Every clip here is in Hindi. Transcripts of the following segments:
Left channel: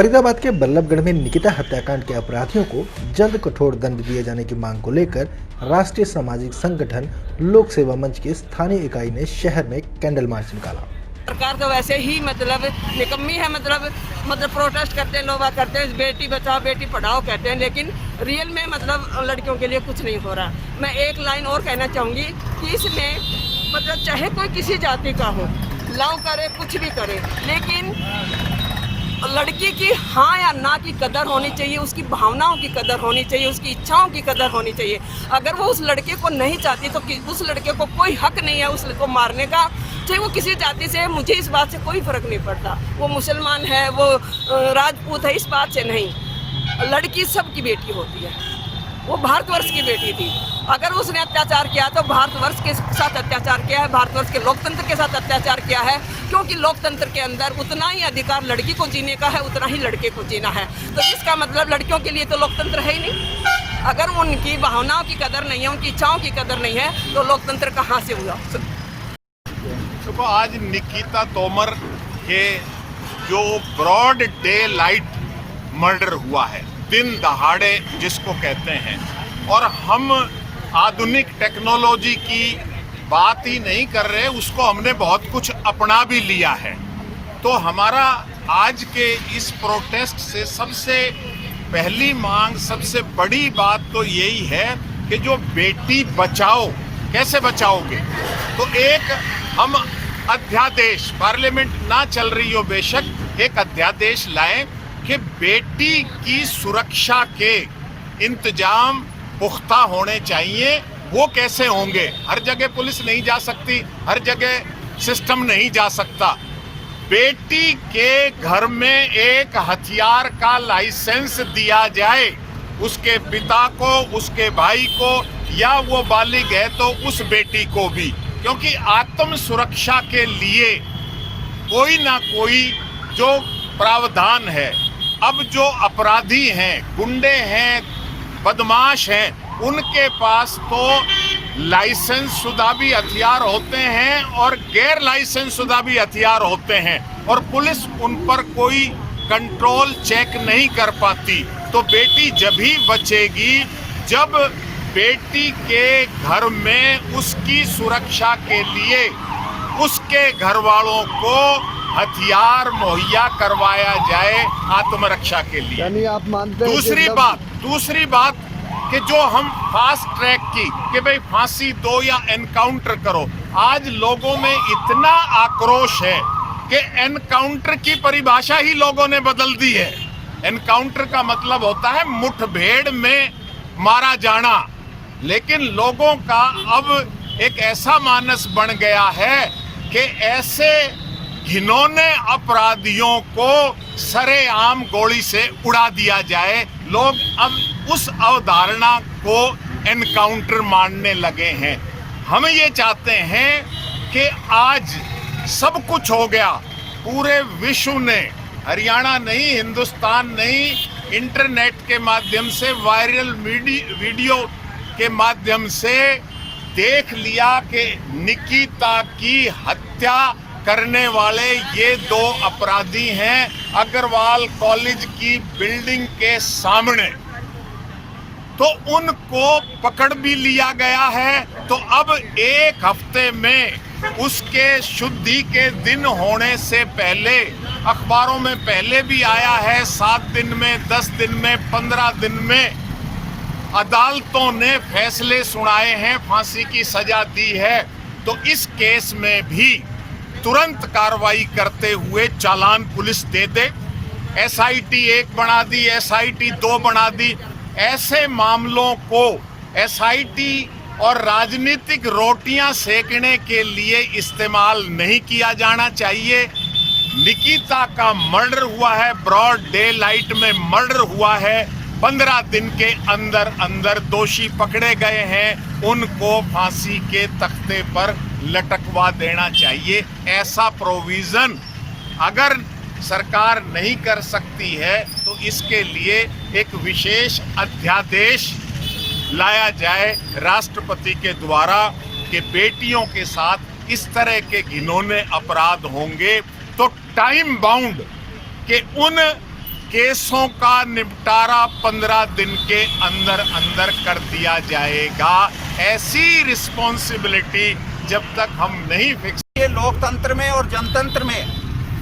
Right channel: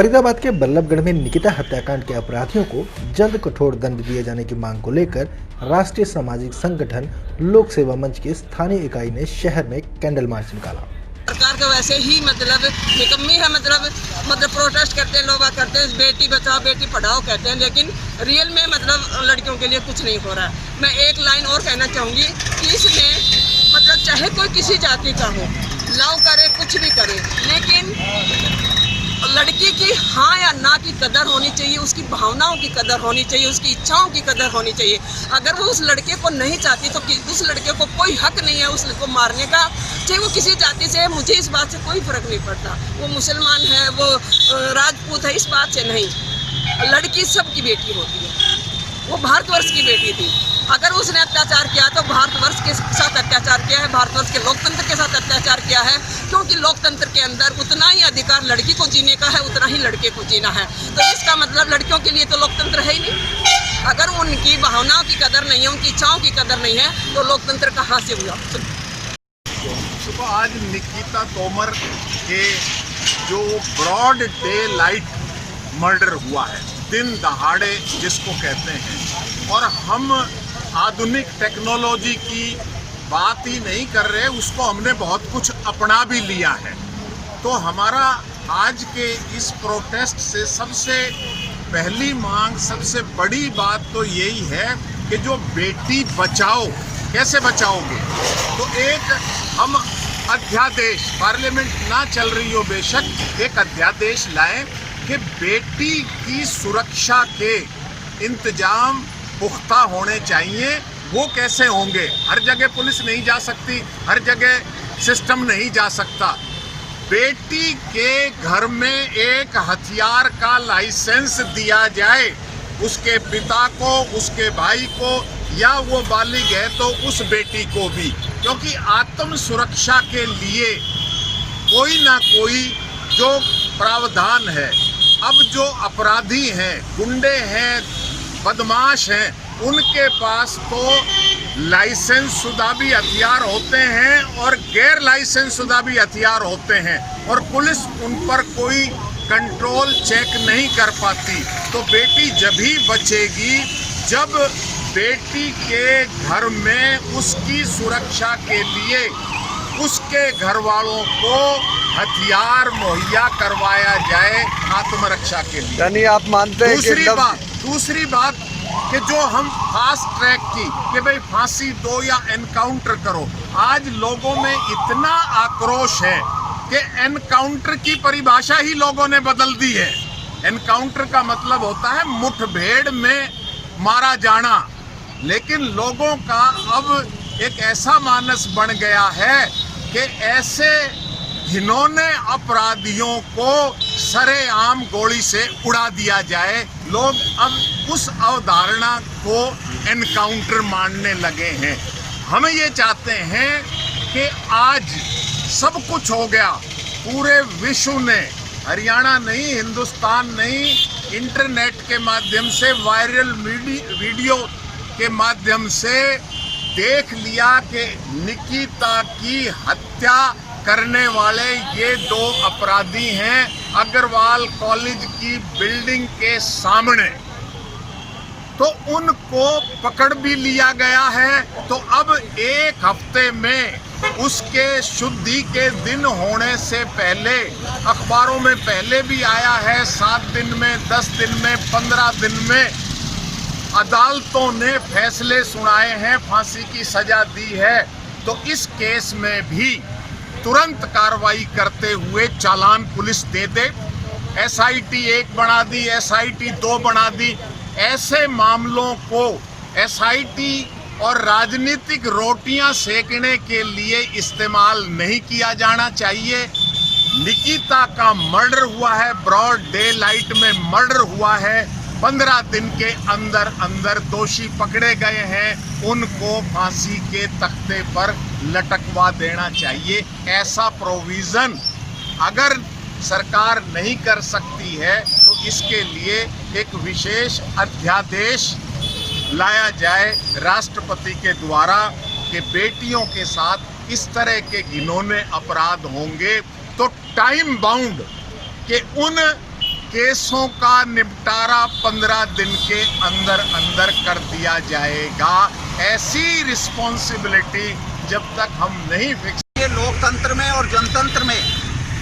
फरीदाबाद के बल्लभगढ़ में निकिता हत्याकांड के अपराधियों को जल्द कठोर दंड दिए जाने की मांग को लेकर राष्ट्रीय सामाजिक संगठन लोक सेवा मंच की स्थानीय इकाई ने शहर में कैंडल मार्च निकाला। सरकार तो वैसे ही निकम्मी है, प्रोटेस्ट करते हैं, लोग करते हैं, बेटी बचाओ बेटी पढ़ाओ कहते हैं, लेकिन रियल में लड़कियों के लिए कुछ नहीं हो रहा है। मैं एक लाइन और कहना चाहूँगी कि इसमें चाहे कोई किसी जाति का हो, लव करे कुछ भी करे, लेकिन लड़की की हाँ या ना की कदर होनी चाहिए, उसकी भावनाओं की कदर होनी चाहिए, उसकी इच्छाओं की कदर होनी चाहिए। अगर वो उस लड़के को नहीं चाहती तो उस लड़के को कोई हक नहीं है उसको मारने का, चाहे वो किसी जाति से है। मुझे इस बात से कोई फर्क नहीं पड़ता, वो मुसलमान है, वो राजपूत है, इस बात से नहीं। लड़की सबकी बेटी होती है, वो भारतवर्ष की बेटी थी। अगर उसने अत्याचार किया तो भारतवर्ष के साथ अत्याचार किया है, भारतवर्ष के लोकतंत्र के साथ अत्याचार किया है, क्योंकि लोकतंत्र के अंदर उतना ही अधिकार लड़की को जीने का है, उतना ही लड़के को जीना है। तो इसका मतलब लड़कियों के लिए तो लोकतंत्र है ही नहीं। अगर उनकी भावनाओं की कदर नहीं है, उनकी इच्छाओं की कदर नहीं है, तो लोकतंत्र कहाँ से हुआ। तो आज निकिता तोमर के जो ब्रॉड डे लाइट मर्डर हुआ है, दिन दहाड़े जिसको कहते हैं, और हम आधुनिक टेक्नोलॉजी की बात ही नहीं कर रहे, उसको हमने बहुत कुछ अपना भी लिया है। तो हमारा आज के इस प्रोटेस्ट से सबसे पहली मांग, सबसे बड़ी बात तो यही है कि जो बेटी बचाओ, कैसे बचाओगे? तो एक हम अध्यादेश, पार्लियामेंट ना चल रही हो बेशक, एक अध्यादेश लाएं कि बेटी की सुरक्षा के इंतजाम पुख्ता होने चाहिए। वो कैसे होंगे? हर जगह पुलिस नहीं जा सकती, हर जगह सिस्टम नहीं जा सकता। बेटी के घर में एक हथियार का लाइसेंस दिया जाए, उसके पिता को, उसके भाई को, या वो बालिग है तो उस बेटी को भी, क्योंकि आत्म सुरक्षा के लिए कोई ना कोई जो प्रावधान है। अब जो अपराधी हैं, गुंडे हैं, बदमाश हैं, उनके पास तो लाइसेंस शुदा भी हथियार होते हैं और गैर लाइसेंस शुदा भी हथियार होते हैं, और पुलिस उन पर कोई कंट्रोल चेक नहीं कर पाती। तो बेटी जब ही बचेगी जब बेटी के घर में उसकी सुरक्षा के लिए उसके घर वालों को हथियार मुहैया करवाया जाए आत्मरक्षा के लिए। यानी आप मानते हैं? दूसरी बात कि जो हम फास्ट ट्रैक की कि भाई फांसी दो या एनकाउंटर करो, आज लोगों में इतना आक्रोश है कि एनकाउंटर की परिभाषा ही लोगों ने बदल दी है। एनकाउंटर का मतलब होता है मुठभेड़ में मारा जाना, लेकिन लोगों का अब एक ऐसा मानस बन गया है कि ऐसे घिनौने अपराधियों को सरेआम गोली से उड़ा दिया जाए। लोग अब उस अवधारणा को एनकाउंटर मानने लगे हैं। हम ये चाहते हैं कि आज सब कुछ हो गया, पूरे विश्व ने, हरियाणा नहीं, हिंदुस्तान नहीं, इंटरनेट के माध्यम से, वायरल वीडियो के माध्यम से देख लिया कि निकिता की हत्या करने वाले ये दो अपराधी हैं अग्रवाल कॉलेज की बिल्डिंग के सामने। तो उनको पकड़ भी लिया गया है। तो अब एक हफ्ते में उसके शुद्धि के दिन होने से पहले, अखबारों में पहले भी आया है, 7 दिन में, 10 दिन में, 15 दिन में अदालतों ने फैसले सुनाए हैं, फांसी की सजा दी है। तो इस केस में भी तुरंत कार्रवाई करते हुए चालान पुलिस दे दे। SIT 1 बना दी, SIT 2 बना दी। ऐसे मामलों को SIT और राजनीतिक रोटियां सेकने के लिए इस्तेमाल नहीं किया जाना चाहिए। निकिता का मर्डर हुआ है, ब्रॉड डे लाइट में मर्डर हुआ है, 15 दिन के अंदर अंदर दोषी पकड़े गए हैं, उनको फांसी के तख्ते पर लटकवा देना चाहिए। ऐसा प्रोविज़न अगर सरकार नहीं कर सकती है तो इसके लिए एक विशेष अध्यादेश लाया जाए राष्ट्रपति के द्वारा कि बेटियों के साथ इस तरह के घिनौने अपराध होंगे तो टाइम बाउंड के उन केसों का निपटारा 15 दिन के अंदर अंदर कर दिया जाएगा। ऐसी रिस्पॉन्सिबिलिटी जब तक हम नहीं फिक्स। ये लोकतंत्र में और जनतंत्र में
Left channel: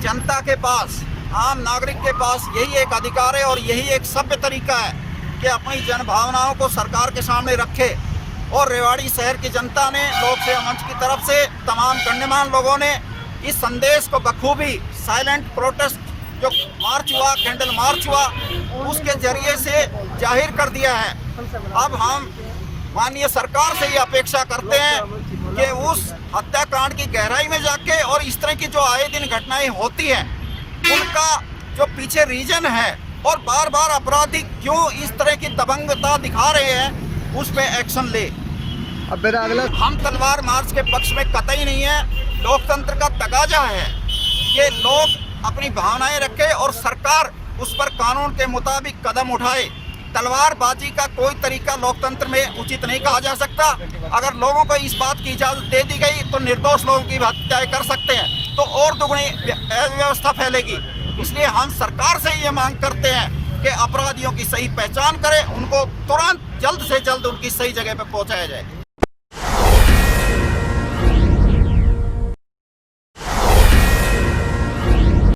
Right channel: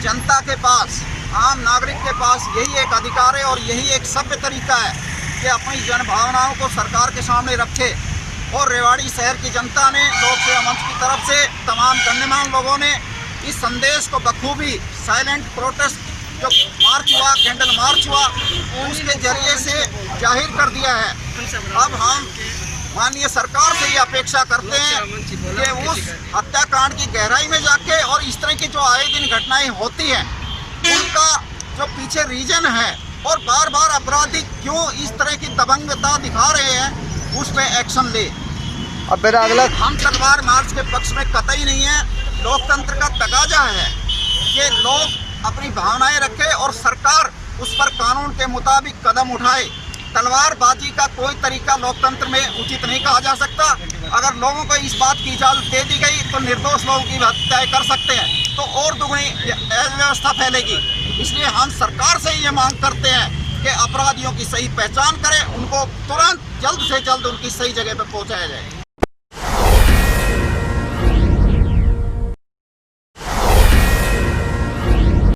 जनता के पास, आम नागरिक के पास यही एक अधिकार है और यही एक सभ्य तरीका है कि अपनी जन भावनाओं को सरकार के सामने रखे। और रेवाड़ी शहर की जनता ने लोक सेवा मंच की तरफ से तमाम गण्यमान्य लोगों ने इस संदेश को बखूबी साइलेंट प्रोटेस्ट जो मार्च हुआ, कैंडल मार्च हुआ, उसके जरिए से जाहिर कर दिया है। अब हम माननीय सरकार से ये अपेक्षा करते हैं कि उस हत्याकांड की गहराई में जाके और इस तरह की जो आए दिन घटनाएं होती हैं उनका जो पीछे रीजन है और बार बार अपराधी क्यों इस तरह की दबंगता दिखा रहे हैं उस पर एक्शन ले। अब मेरा अगला, हम तलवार मार्च के पक्ष में कतई नहीं है। लोकतंत्र का तकाजा है कि लोग अपनी भावनाएं रखें और सरकार उस पर कानून के मुताबिक कदम उठाए। तलवारबाजी का कोई तरीका लोकतंत्र में उचित नहीं कहा जा सकता। अगर लोगों को इस बात की इजाज़त दे दी गई तो निर्दोष लोगों की हत्या कर सकते हैं, तो और दुगनी अव्यवस्था फैलेगी। इसलिए हम सरकार से ये मांग करते हैं कि अपराधियों की सही पहचान करें, उनको तुरंत जल्द से जल्द उनकी सही जगह पर पहुंचाया जाए।